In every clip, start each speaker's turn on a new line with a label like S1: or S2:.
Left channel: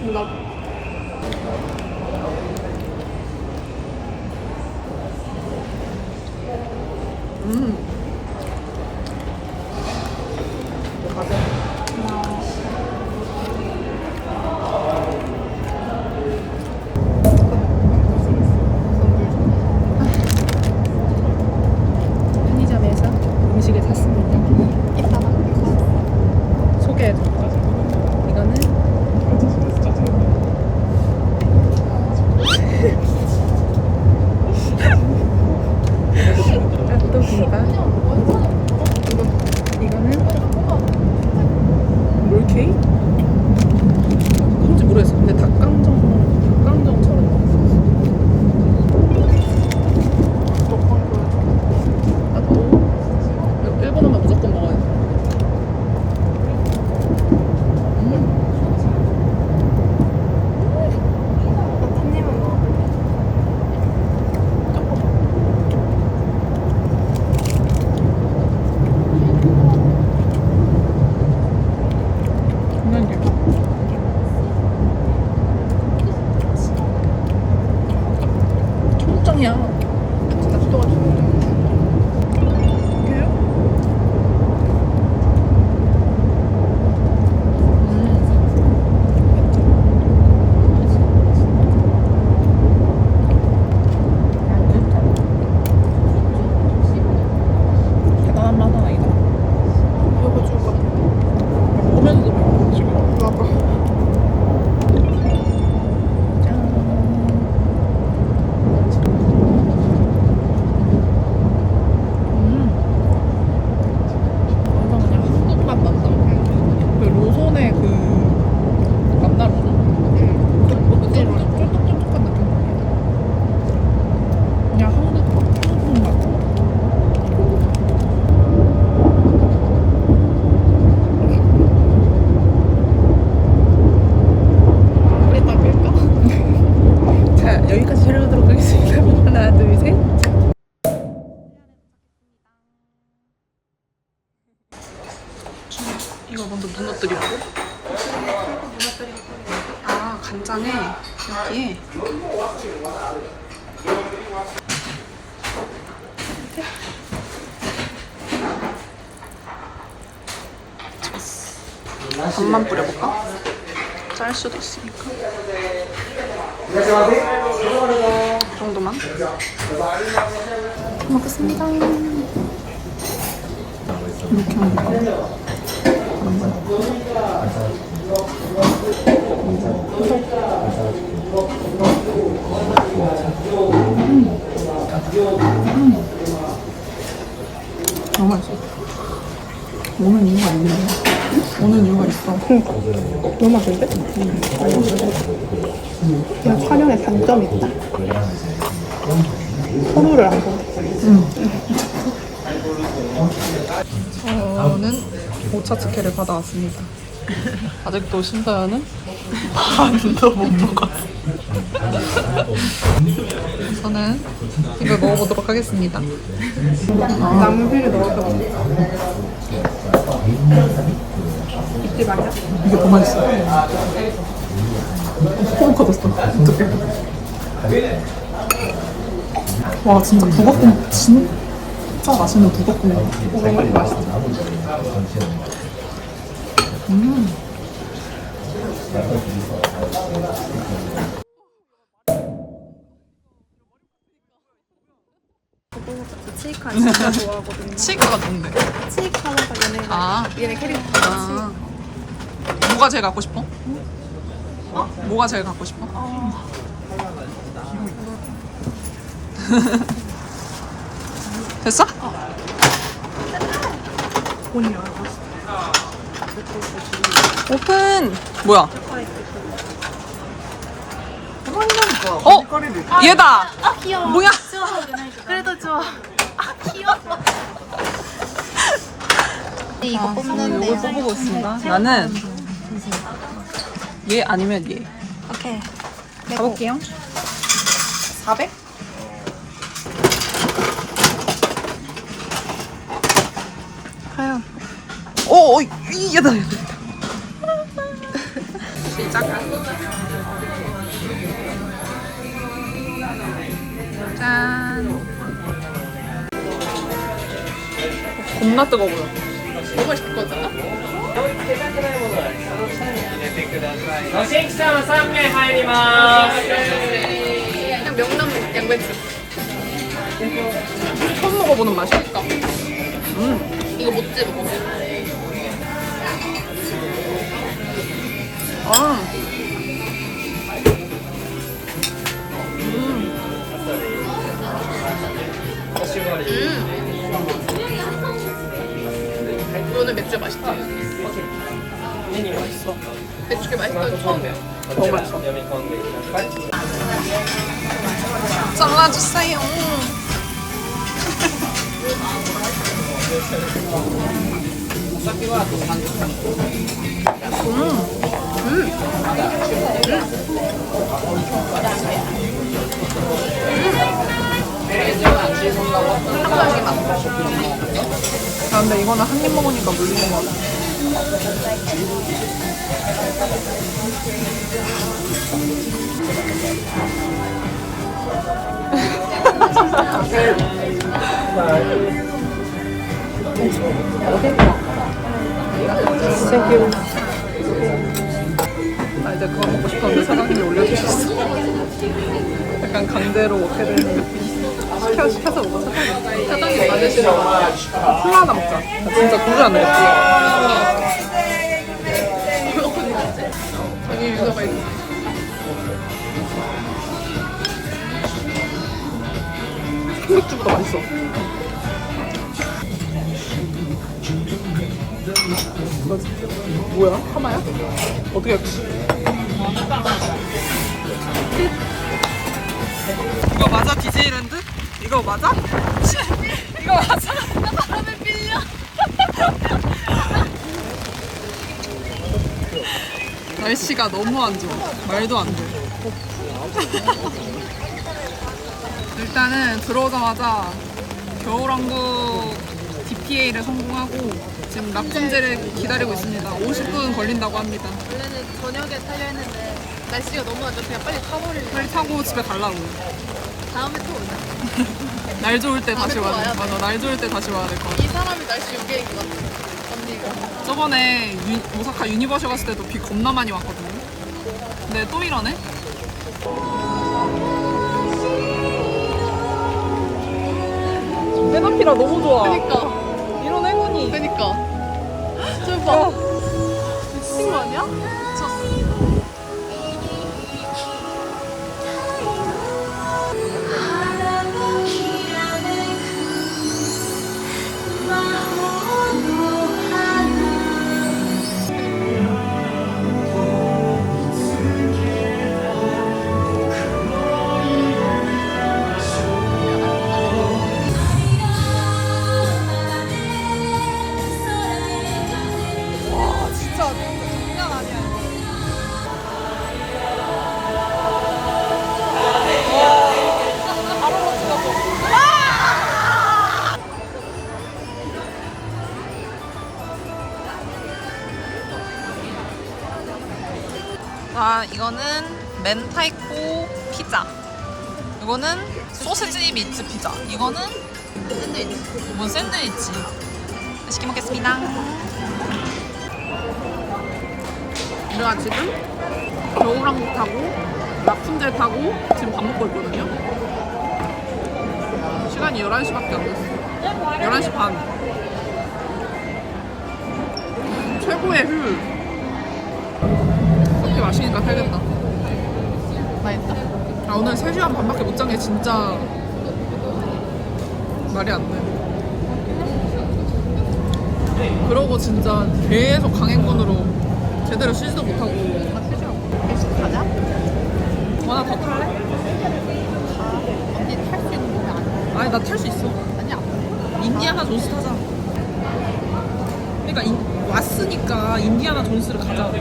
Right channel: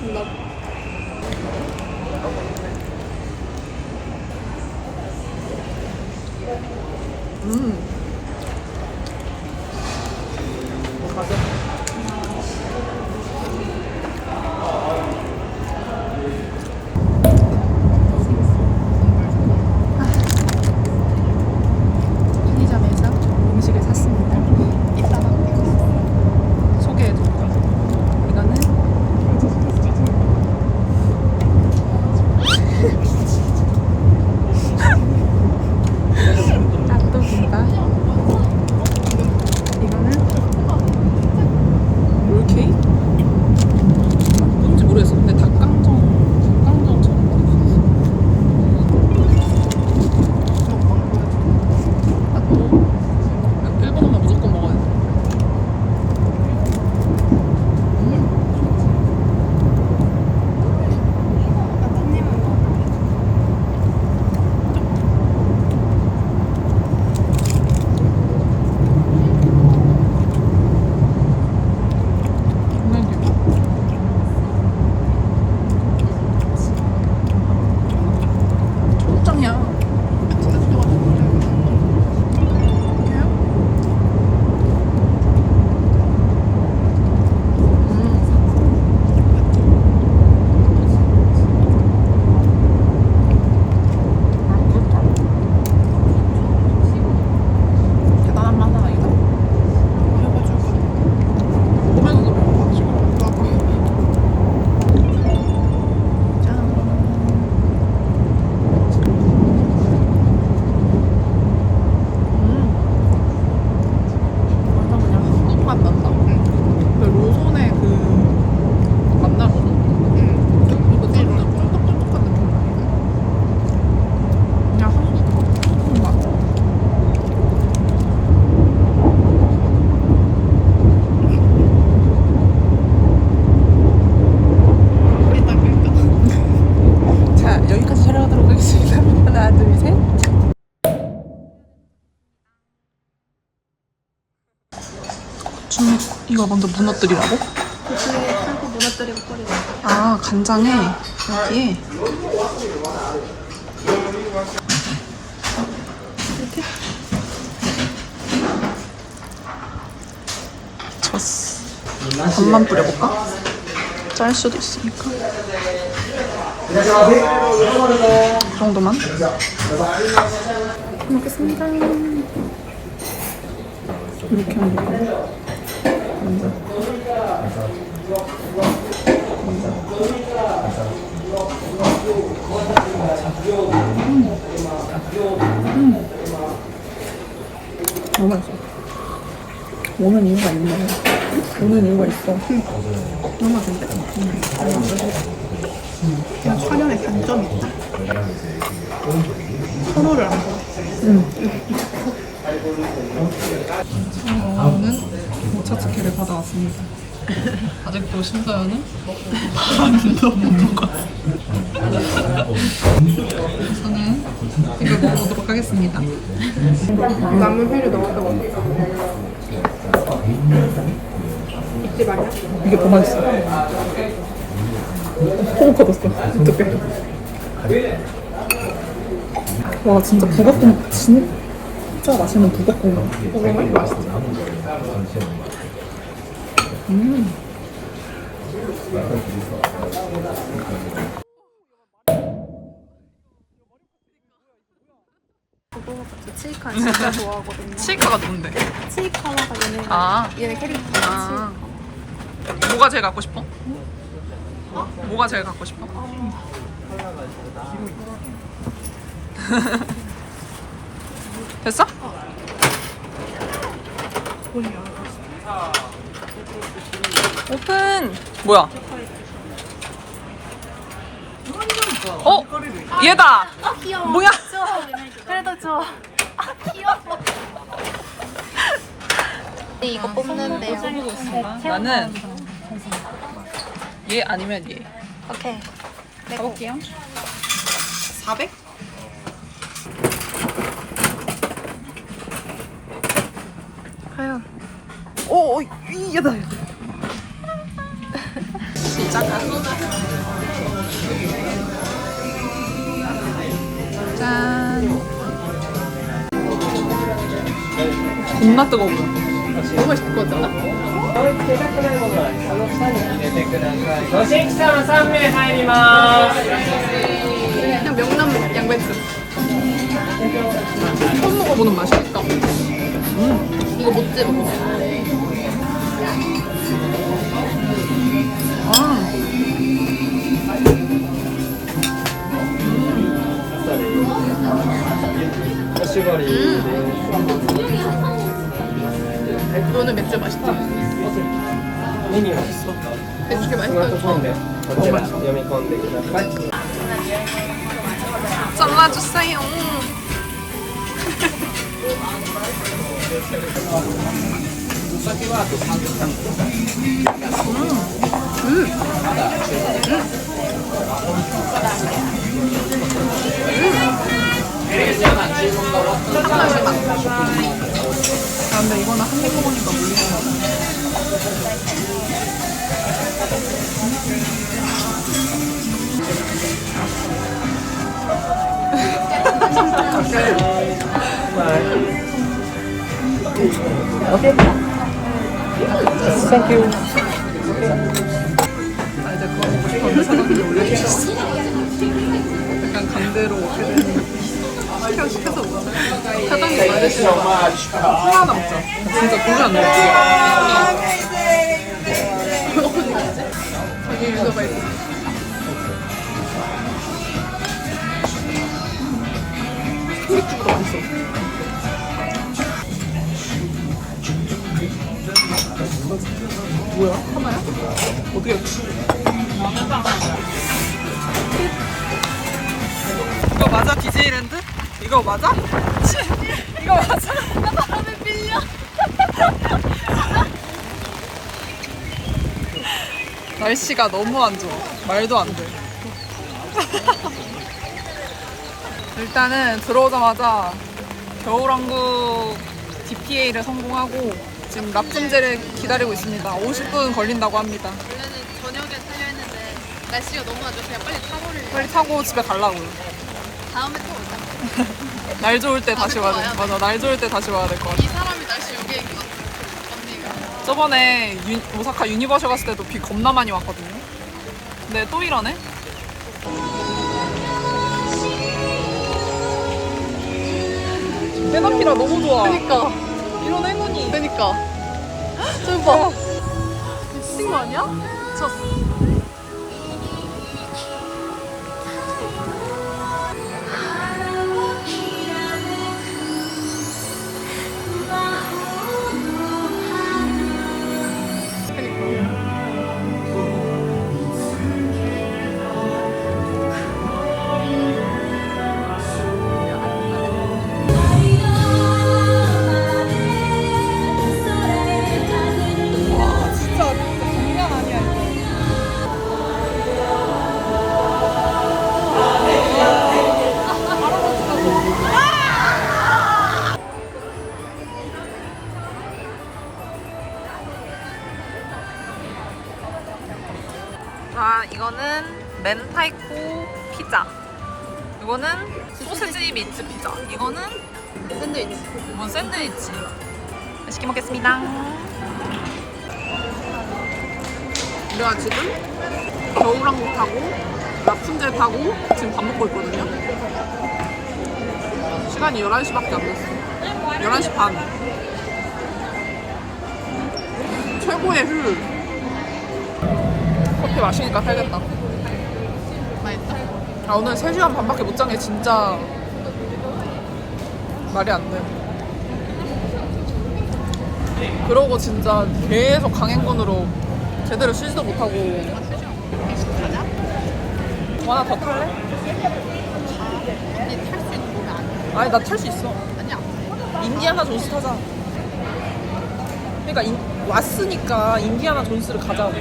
S1: 나
S2: 음.
S1: 편의점에서 음식을 샀습니다. 이따가 소개해드릴게요. 이거 먼저 무너뜨리라고?
S3: 풀고 무너뜨리고 끓여.
S1: 아 간장에 여기에 이렇게 졌어 반만 뿌려볼까? 짤 수도 있으니까 이 정도만 잘 먹겠습니다 이렇게 하면 되나? 너무 맛있어 오는 이유가 있네 오는 이유가 있어
S3: 너무 맛있는데? 그냥 촬영에 단점이 있다. 서로를 안 보네.
S1: 저는 오차 특혜를 받아왔습니다. 아직도 심사위원은 반도 못 먹었어요. 저는 이걸 먹어보도록 하겠습니다.
S3: 나무 회를 넣어서 잊지 마요.
S1: 이게 더 맛있어. 호흡 커졌어. 어떡해. 와, 진짜 북어국, 진짜 맛있는 북어국. 음.
S3: 치이카 진짜 좋아하거든요.
S1: 치카가 뭔데?
S3: 치이카가 얘네
S1: 아.
S3: 얘네 캐릭터
S1: 아. 뭐가 제일 갖고 싶어? 뭐가 제일 갖고 싶어? 됐어? 오픈! 뭐야? 어? 얘다!
S3: 귀여워.
S1: 뭐야?
S3: 그래도 좋아. 귀여워. 이거 뽑는데.
S1: 뽑고 있습니다. 나는 얘 아니면 얘.
S3: 오케이.
S1: 가볼게요. 400?
S3: 과연.
S1: 오, 오, 얘다. 시작. 짠. 겁나 뜨거워 보여.
S2: 너무 맛있을 것 같지 않아?
S4: ご新規様3名入ります。
S2: 그냥 명란 양배추.
S1: 처음 먹어보는 맛이야.
S2: 그러니까
S1: 음.
S2: 이거 못 집어.
S1: 아. 음.
S2: 너는 맥주
S4: 맛있다. 맛있어.
S2: 맛있다.
S4: 맛있어.
S1: 잘라주세요. 아, 근데 이거는 한 입 먹으니까 물리는 거 같아. 나 이제 그거 먹고 싶었는데 사장님이 올려주셨어. 약간 강제로 먹게 되니. 시켜, 시켜서 먹어, 사장님. 맞으시는 거 같아. 콜라 하나 먹자. 나 진짜 도저히 안 되겠지. 자기 유저가 있어. 삼겹주보다 맛있어. 뭐야? 하나야? 어떻게 이거 맞아 디제이랜드? 이거 맞아? 이거 맞아? 나 바람에 빌려 날씨가 너무 안 좋아 말도 안돼 일단은 들어오자마자 겨울왕국 DPA를 성공하고 지금 라푼젤을 기다리고 있습니다 50분 걸린다고 합니다
S2: 원래는 저녁에 타려 했는데 날씨가 너무 안 좋아 그냥 빨리 타버리고
S1: 빨리 타고 집에 가려고요
S2: 다음에 또 오자.
S1: 날 좋을 때 다시
S2: 또
S1: 와야
S2: 와야
S1: 돼.
S2: 돼.
S1: 맞아, 날 좋을 때 다시 와야 될 것 같아.
S2: 이 사람이 날씨 요리인 것 같아. 언니가.
S1: 저번에 유- 오사카 유니버셜 갔을 때도 비 겁나 많이 왔거든요. 근데 또 이러네? 맨 앞이라 너무 좋아.
S2: 그니까.
S1: 이런 행운이.
S2: 그니까. 저 봐. 미친 거 아니야?
S1: 와, 멘타이코 피자. 이거는 소세지 미트 피자. 이거는
S2: 샌드위치.
S1: 이건 샌드위치. 맛있게 먹겠습니다. 우리가 지금 겨울왕국 타고 라푼젤 타고 지금 밥 먹고 있거든요. 시간이 11시밖에 안 됐어. 11시 반. 최고의 효율. 커피 마시니까 살겠다.
S2: 맛있다.
S1: 아 오늘 3시간 반밖에 못 잔 게 진짜 말이 안 돼. 그러고 진짜 계속 강행군으로 제대로 쉬지도 못하고
S2: 대신 가자.
S1: 뭐 하나 더 탈래?
S2: 언니 탈 수 있는 몸이 아니야.
S1: 아니 나 탈 수 있어.
S2: 아니야.
S1: 인디아나 존스 타자. 그러니까 인- 왔으니까 인디아나 존스를 가자고.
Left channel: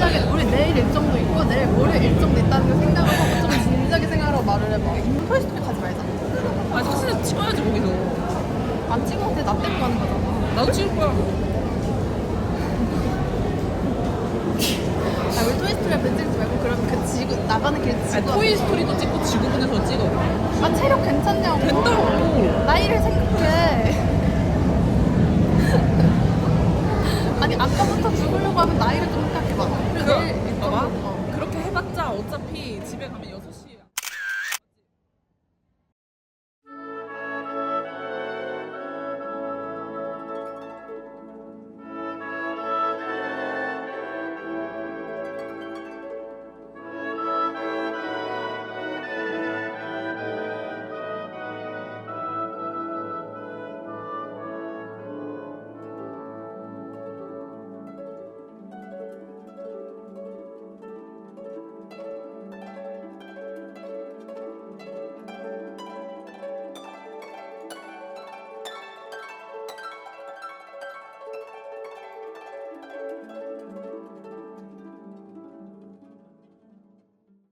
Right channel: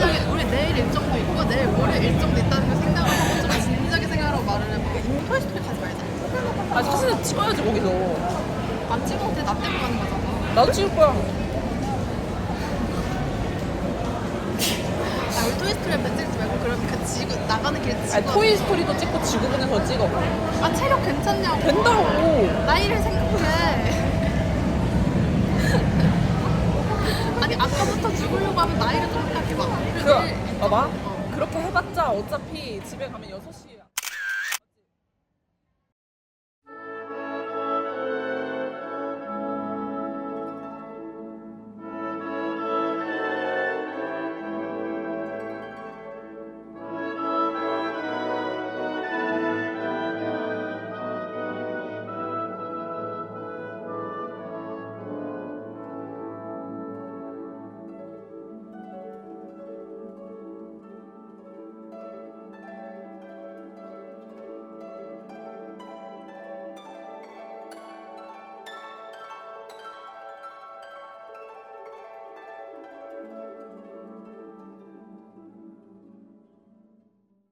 S2: 좀 진지하게 우리 내일 일정도 있고 내일 모레 일정도 있다는 걸 생각을 하고 좀 진지하게 생각하고 말을 해봐. 토이스토리 가지 말자.
S1: 아니 사진을 찍어야지 거기서.
S2: 안 찍어도 돼. 나 때문에 가는 거잖아.
S1: 나도 찍을 거야.
S2: 아, 우리 토이스토리 앞에 찍지 말고 그러면 그 지구 나가는 길에 지구
S1: 아니 토이 스토리도 찍고 지구본에서 찍어.
S2: 아 체력 괜찮냐고.
S1: 된다고.
S2: 나이를 생각해. 아니 아까부터 죽으려고 하면 나이를 좀생 각해봐.
S1: 그 봐봐.
S2: 어.
S1: 그렇게 해봤자 어차피 집에 가면 6시에